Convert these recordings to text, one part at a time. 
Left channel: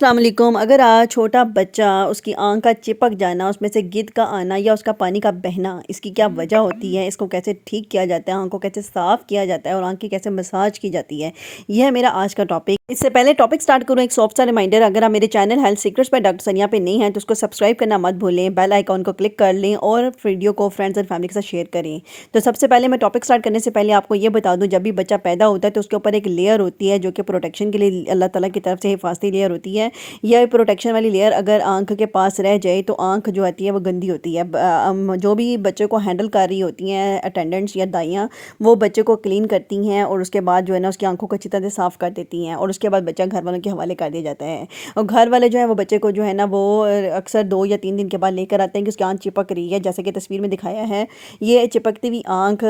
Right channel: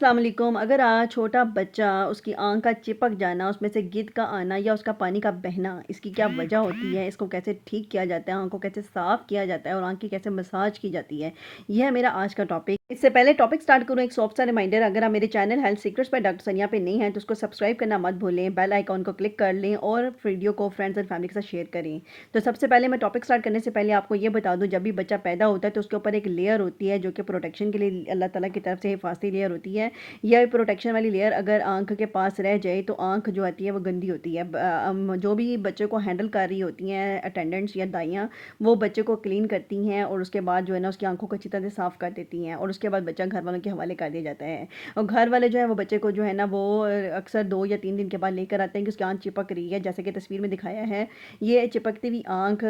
अस्सलाम वालेकुम। अगर आज छोटा बच्चा उसकी आँख का चिपक जाना, उसमें से गिद का आना या उसका पानी का बहना, इसकी क्या वजह होती है, इसको कैसे ठीक किया जाता है, आँख को कैसे साफ़ किया जाता है और आँख की कैसे मसाज की जाती है, यह है मेरा आज का टॉपिक। इससे पहले टॉपिक स्टार्ट करूँ, एक सॉफ्ट सा रिमाइंडर, अगर आप मेरे channel health secrets by doctor सनिया पे नहीं हैं तो उसको सब्सक्राइब करना मत भूलें, बेल आइकॉन को क्लिक कर लें और वीडियो को फ्रेंड्स एंड फैमिली के साथ शेयर करें। तो सबसे पहले मैं टॉपिक स्टार्ट करने से पहले आपको ये बता दूँ, जब भी बच्चा पैदा होता है तो उसके ऊपर एक लेयर होती है जो कि प्रोटेक्शन के लिए अल्लाह ताला की तरफ से हिफाजती लेयर होती है। यह प्रोटेक्शन वाली लेयर अगर आंख के पास रह जाए तो आंख जो आती है वो गंदी होती है। जो भी बच्चे को हैंडल कर रही होती हैं अटेंडेंट्स या दाइयाँ, वो बच्चे को क्लीन करती हैं और उसके बाद जो है ना उसकी आंखों को अच्छी तरह से साफ़ कर देती हैं और उसके बाद बच्चा घर वालों के हवाले कर दिया जाता है। और घर वाले जो है वो बच्चे को जो है ना वो अक्सर 2 या 3 दिन के बाद लेकर आते हैं कि उसकी आंख चिपक रही है, जैसे कि तस्वीर में दिखाया है। ये चिपकती हुई आंख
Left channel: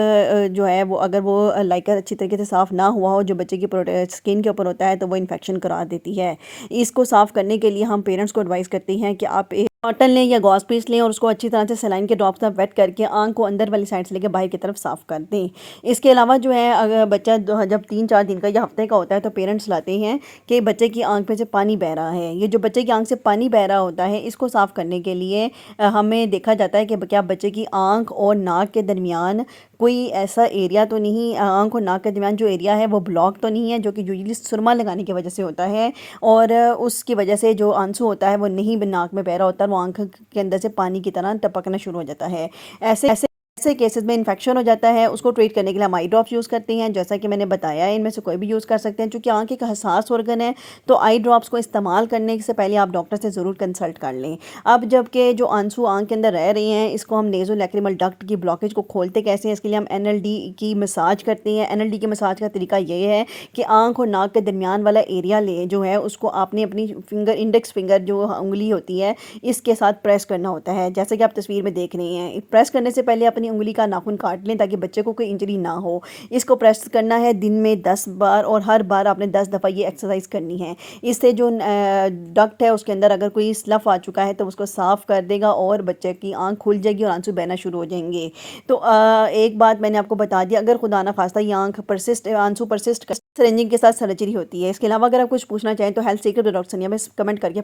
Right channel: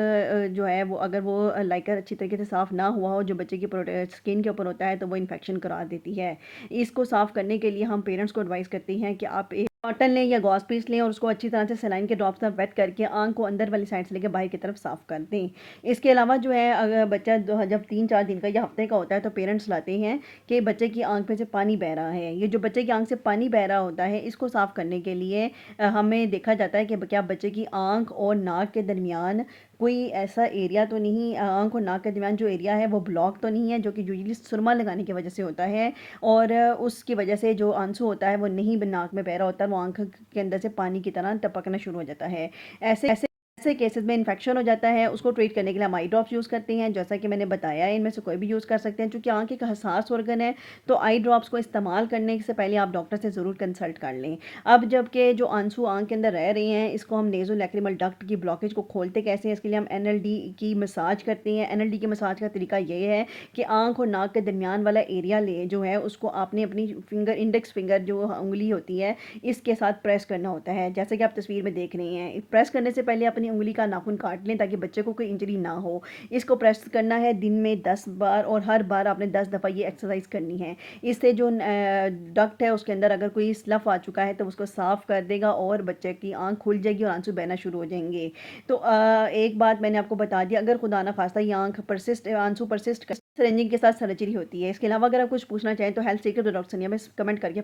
जो है वो अगर वो लाइकर अच्छी तरीके से साफ़ ना हुआ हो, जो बच्चे की स्किन के ऊपर होता है, तो वो इन्फेक्शन करा देती है। इसको साफ़ करने के लिए हम पेरेंट्स को एडवाइस करते हैं कि आप एक कॉटन लें या गॉज पीस लें और उसको अच्छी तरह से सलाइन के ड्रॉप से वेट करके आंख को अंदर वाली साइड से लेकर बाहर की तरफ साफ़ कर दें। इसके अलावा जो है अगर बच्चा जब 3-4 दिन का या हफ्ते का होता है तो पेरेंट्स लाते हैं कि बच्चे की आंख में से पानी बह रहा है। ये जो बच्चे की आंख से पानी बह रहा होता है, इसको साफ़ करने के लिए हमें देखा जाता है कि क्या बच्चे की आंख और नाक के दरमियान कोई ऐसा एरिया तो नहीं, आंख और नाक के दरमियान जो एरिया है वो ब्लॉक तो नहीं है, जो कि यूजली सुरमा लगाने की वजह से होता है और उसकी वजह से जो आंसू होता है वो नहीं नाक में बह रहा होता है, वो आंख के अंदर से पानी की तरह टपकना शुरू हो जाता है। ऐसे ऐसे ऐसे केसेस में इन्फेक्शन हो जाता है। उसको ट्रीट करने के लिए हम आई ड्रॉप्स यूज़ करते हैं, जैसा कि मैंने बताया है, इनमें से कोई भी यूज़ कर सकते हैं। चूँकि आँख एक हसास ऑर्गन है तो आई ड्रॉप्स को इस्तेमाल करने से पहले आप डॉक्टर से ज़रूर कंसल्ट कर लें। अब जबकि जो आंसू आँख के अंदर रह रहे हैं, इसको हम नेज़ोलैक्रिमल डक्ट की ब्लॉकेज को खोलते कैसे हैं, इसके लिए हम एनएलडी की मसाज करते हैं। एनएलडी की मसाज का तरीका ये है कि आँख और नाक के दरमियान वाला एरिया ले जो है उसको आपने अपनी फिंगर, इंडेक्स फिंगर जो उंगली होती है, इसके साथ प्रेस करना होता है, जैसे कि आप तस्वीर में देख रहे हैं। प्रेस करने से पहले अपनी उंगली का नाखून काट लें ताकि बच्चे को कोई इंजरी ना हो। इसको प्रेस करना है दिन में 10 बार और हर बार आपने 10 दफ़ा ये एक्सरसाइज करनी है। इससे जो डक्ट है उसके अंदर अगर कोई स्लफ आ चुका है तो उसको साफ़ कर देगा और बच्चे की आँख खुल जाएगी और आंसू बहना शुरू हो जाएंगे। तो एक बात मैंने आपको बता दी, अगर खुदा ना खास्ता ये आंसू परसिस्ट सिरिंजिंग के साथ सर्जरी होती है। इसके अलावा अगर आप कुछ पूछना चाहें तो हेल्थ सीक्रेट डॉक्टर सनिया में कमेंट करके